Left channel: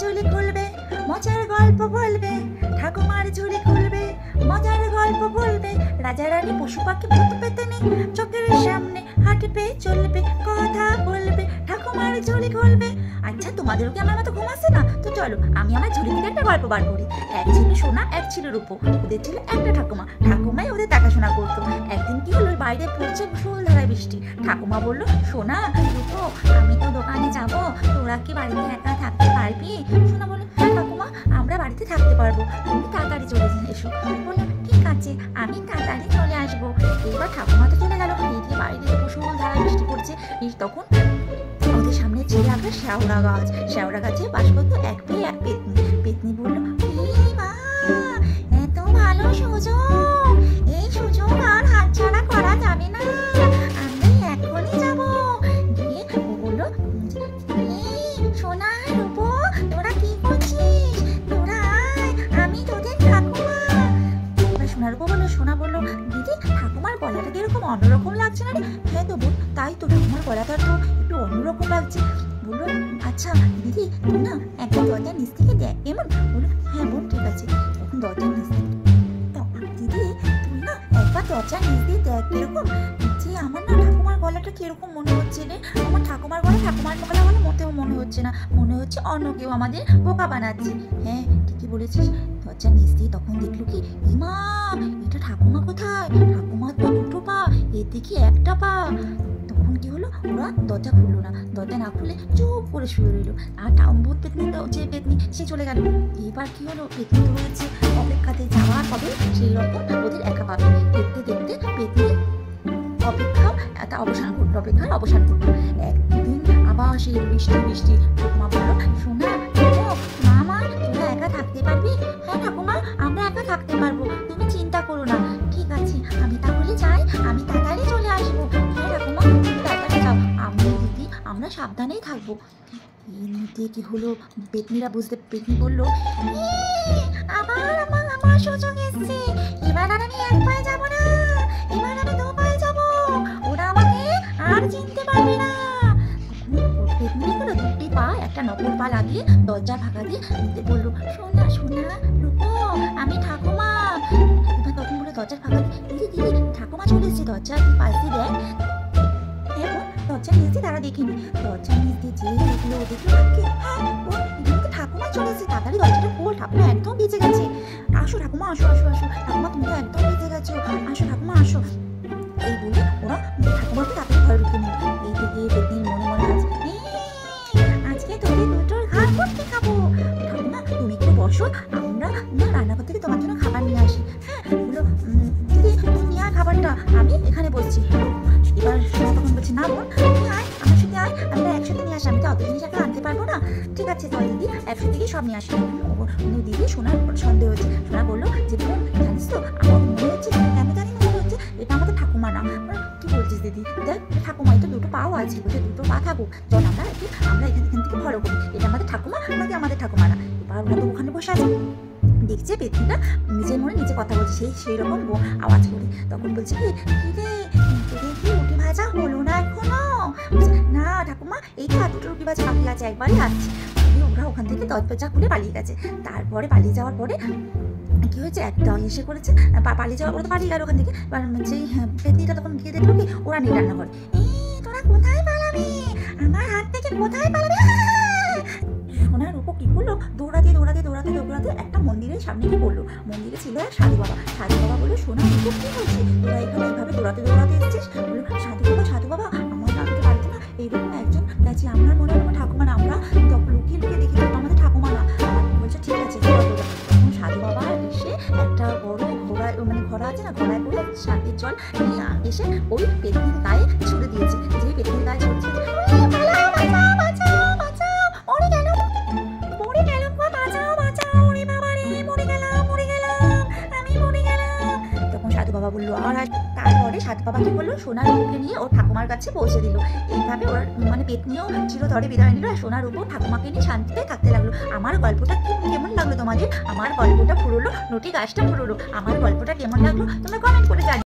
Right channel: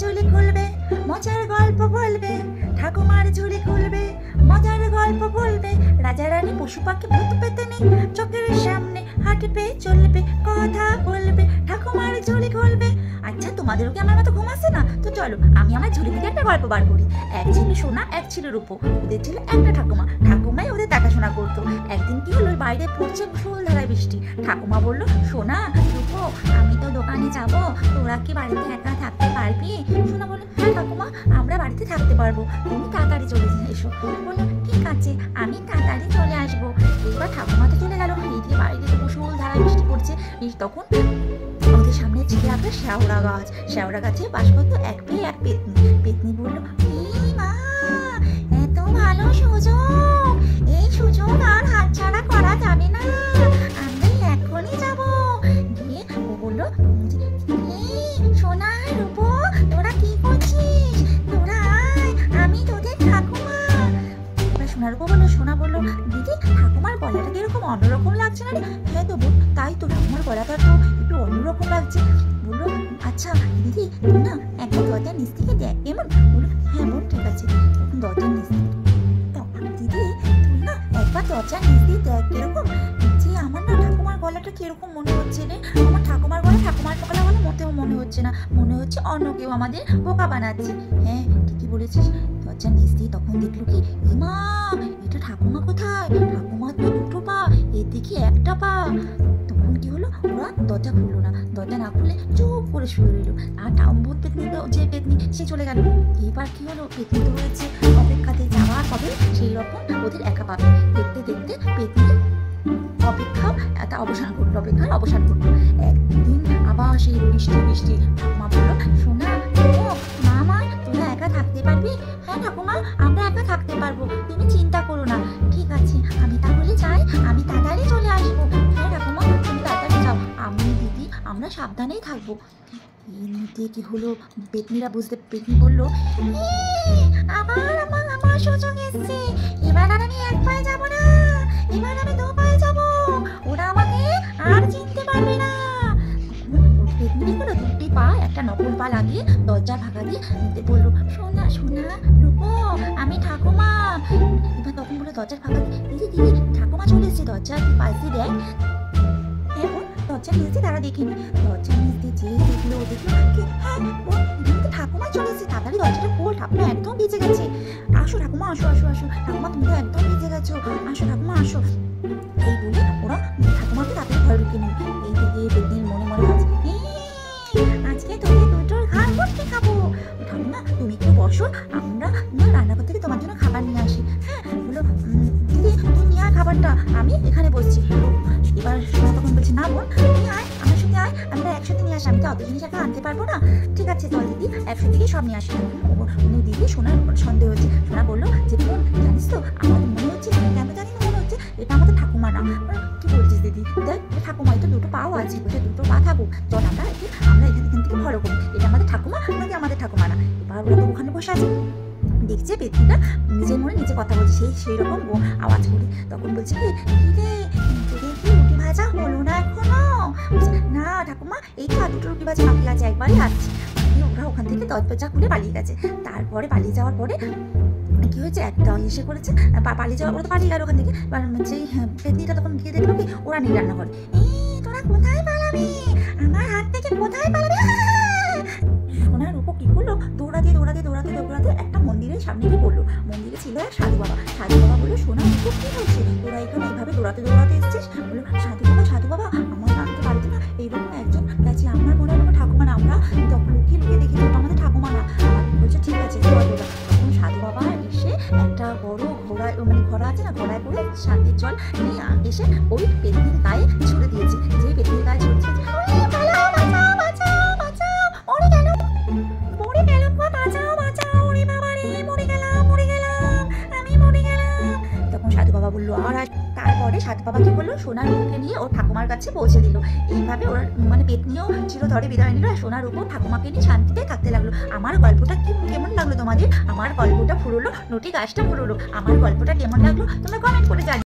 ঝুলি খুলবে, মজার গল্প বলবে। ঠাকুমার ঝুলি খুলবে, মজার গল্প বলবে। রাজা রানী পশু পাখি ভূত পেতেনি চোখের সামনে হাঁটবে চলবে কথা বলবে। ঠাকুমার ঝুলি খুলবে। আচ্ছা, তোমাদেরও কি আমার মতো ঘুম আসে না? তো চলো আমি আমার ঝুলি থেকে একটা গল্প বার করি। এক ছিল সোনা, এক ছিল রূপো। ওদের ছিল একটা ঠাকুমা। ঠাকুমাই ওদের দেখাশোনা করতো। একদিন কি হলো, বাইরে পড়ছে মুষলধারায় বৃষ্টি। ঠাকুমা বলল, সোনা রূপো, আমি তো দোকানে যাব, তোরা কি বাড়িতে একা থাকতে পারবি? সোনা বলল, হ্যাঁ ঠাকুমা, আমরা বাড়িতে থাকতে পারবো, তুমি তাড়াতাড়ি চলে এসো। বললো, ঠিক আছে, আমি তাড়াতাড়ি চলে আসবো। এবার ঠাকুমা তো চলে গেল। এদিকে বাইরে তো মুষলধারায় বৃষ্টি পড়ছে। তখন ওদের সামনে ছিল একটা শেওড়া গাছ। শেওড়া গাছে বাস করতো এক পেয়ে এক পেতনি। পেতনি বলল, মা, এত ভালো সুযোগ, এই সুযোগ আর হাতছাড়া করা যাবে না, আমি এখনই যাব। গিয়ে ও বললো, সোনা রূপো, তোরা কি করছিস? তোরা আয়, আমি তোদের ঠাকুমা। এবার সোনার রূপো বললো, সোনা বললো, দিদি ঠাকুমার গলাটা কিরকম অন্যরকম লাগছে না রে? হ্যাঁ তো বোন, তাই তো, ঠাকুমার গলাটা তো একটু অন্যরকম লাগছে। বললো, আচ্ছা দিদি, তুই না একবার দরজার নিচ থেকে দেখ কেমন। বললো, হ্যাঁ বোন, ঠিক আছে। তখন দরজার নিচ থেকে, দিদি তুই না একবার দরজার নিচ দিয়ে দেখ কিরকম, যে আমার না ঠাকুমার গলাটা কিরকম মনে হচ্ছে রে। আমার ঠাকুমার গলা বলে মোটেও মনে হচ্ছে না, মনে হচ্ছে অন্য কেউ আমাদের বোকা বানাচ্ছে। হ্যাঁ ঠিকই বলেছিস। দরজার নিচ দিয়ে তখন দেখলো কি, মা, এটা ঠাকুমা কোথায়? ঠাকুমার তো দুটো পা, এর দিকে একটা পা। তখন কি হলো, ওরা দরজা খুললো না। দরজা না খুলে চুপ করে শুয়ে রইলো। আর ভূত পেতনি তো, যে পেতনি সে চলে গেল। এবার কি হলো, পেতনি তো রয়েছে অপেক্ষাতে, যাওয়ার কবে সেই রকম ওদের একা পাবে। দেখতে দেখতে পেতনি অপেক্ষার অবসান করলো। একদিন আবার সেই বৃষ্টি। ঠাকুমা বললো, সোনা মামা, তোরা একা থাকতে পারবি? হ্যাঁ ঠাকুমা, আমরা একা থাকতে পারবো, তুমি চিন্তা করো না। ঠিক আছে, আমি তাহলে যাই, আমি তাড়াতাড়ি চলে আসবো। হ্যাঁ ঠাকুমা, তুমি তাড়াতাড়ি যাও, আমি দিদি আমরা সাবধানেই থাকবো। এর মধ্যে কি হলো, পেতনি বললো, আবার আমার সুযোগ এসছে। এবার আর আমি এক পায়ে যাবো না, এবার আমি দু পায়ে যাবো, ওরা আমাকে আর চিনতে পারবে না। পেতনি দেখলো দুটি পা একটা নকল পা লাগিয়ে দরজার ভাগা দিয়ে বললো, সোনা রূপো, আমি ঠাকুমা। এবার তখন বলে দরজার ভাগা দিয়ে, দিদি ঠাকুমা চলে এসেছে, দরজার পাশ দিয়ে দেখ। এখন দরজার নিচ দিয়ে তারা দেখিনি। দরজার নিচ দিয়ে যেই দেখলো ঠাকুমা চলে এসেছে। তাড়াতাড়ি দরজাটা খোল, ঠাকুমা একদম ভিজে গেছে। আসো ঠাকুমা, আসো। ঠাকুমা তুমি তো একদম ভিজে গেছো, আসো ঠাকুমা আসো। এই বলে ওরা ঠাকুমাকে তাড়াতাড়ি ঘরে ঢুকে নিল। এই থেকে পেতনির মনে ভাবছে, আজকে তোদের দুটোর ঘাড় করতে খাবো। ঠাকুমা তুমি একটু বসো, আমরা রান্নাঘর থেকে তোমার জন্য খাবার নিয়ে আসি। হ্যাঁ বলো, দিদি তুই নিয়ে আয় খাবারটা, আমি এখানে বসছি। এবার সোনা তখন বলছে, না বোন, তুই আয়, আমার সাথে আয়, আমরা একসাথে নিয়ে আসি, আমি তো অত জিনিস একটা আনতে পারবো না। ঠিক আছে চল দিদি, একসাথে গিয়ে সব নিয়ে আসি। দিদি সোনার সন্দেহ হচ্ছে। সোনা বললো যে, বোন জানিস তো, আমার মনে হচ্ছে, কেন জানি না মনে হচ্ছে এটা আমাদের ঠাকুমা না। কি বলছিস দিদি? দেখ ঠাকুমাই তো দুটো পাও আছে, বলছে দুটো পা থাকুক, চল আমরা এখান থেকে ফলো করি, এটা আমাদের ঠাকুমা নাকি আমাদের ঠাকুমা না। এবার ওরা তো ওখানে বসে আছে, দেখছে পেতনিটা নিজের মনে নিজে কথা বলছে সেই রকম আওয়াজ করে। তখন বলছে, কি রে, তোদের কি রুটি ভাজা হলো না এখনো? না ঠাকুমা, এই তো দুটো রুটি ভাজা বাকি আছে, একবারই আসছি। ওরা ওখান থেকে দরজা খুলে পালিয়ে গেছে। তারপরে পালিয়ে যাওয়ার পরে কি হয়েছে, একটা এসে করেছে পালিয়ে যাওয়ার পরে তো পালিয়ে গেল ওখান থেকে। সেই পেতনিটা তখন গিয়ে দেখলো কি, ওরা নেই রান্নাঘরে। তোরা কোথায় পালাবি, আমার হাত থেকে কোথায় পালাবি? সোনার রূপো কি করলো, দৌড়াতে একটা মন্দিরের সামনে গিয়ে পড়লো। মন্দিরে ছিল এক সাধু বাবা। সাধু বাবা বললো, সোনার রূপো কি হয়েছে, তোরা এখানে এইভাবে দৌড়াতে এসেছিস? বললো, সাধু বাবা আমার রাখতে পারতো না, এইরকম একজন গেছে, আমার মনে হয় ঠাকুমা না, আমরা লুকিয়ে দেখি আমাদের ঠাকুমা না। আমার বলছে, ঠিক আছে তোরা। তখন সাধু বাবা এসে একটা বড় ঘোড়া আছে না, ঘোড়ায় করে শান্তির জল নিয়ে এসে ওই পেতনির গায়ে ছুড়ে দিয়েছে। যে পেতনির গায়ে ছুড়েছে, সাধু বাবা বললো। আর তারপরে সাধু বাবা কি করলো, সোনার রূপকে নিয়ে ওর ঠাকুমার কাছে পৌঁছে দিল। এইভাবে ওরা পেতনিও চিরতরে বিদায় নিল, আর সোনার রূপ ঠাকুমাকে নিয়ে শান্তিতে থাকতে লাগলো। আমার গল্পটা কেমন লাগলো তোমাদের? আমার গল্পটা ফুরলো, নটি গাছটা ফুরলো। আমার গল্পটা কেমন লাগলো তোমরা কমেন্ট করে জানিও।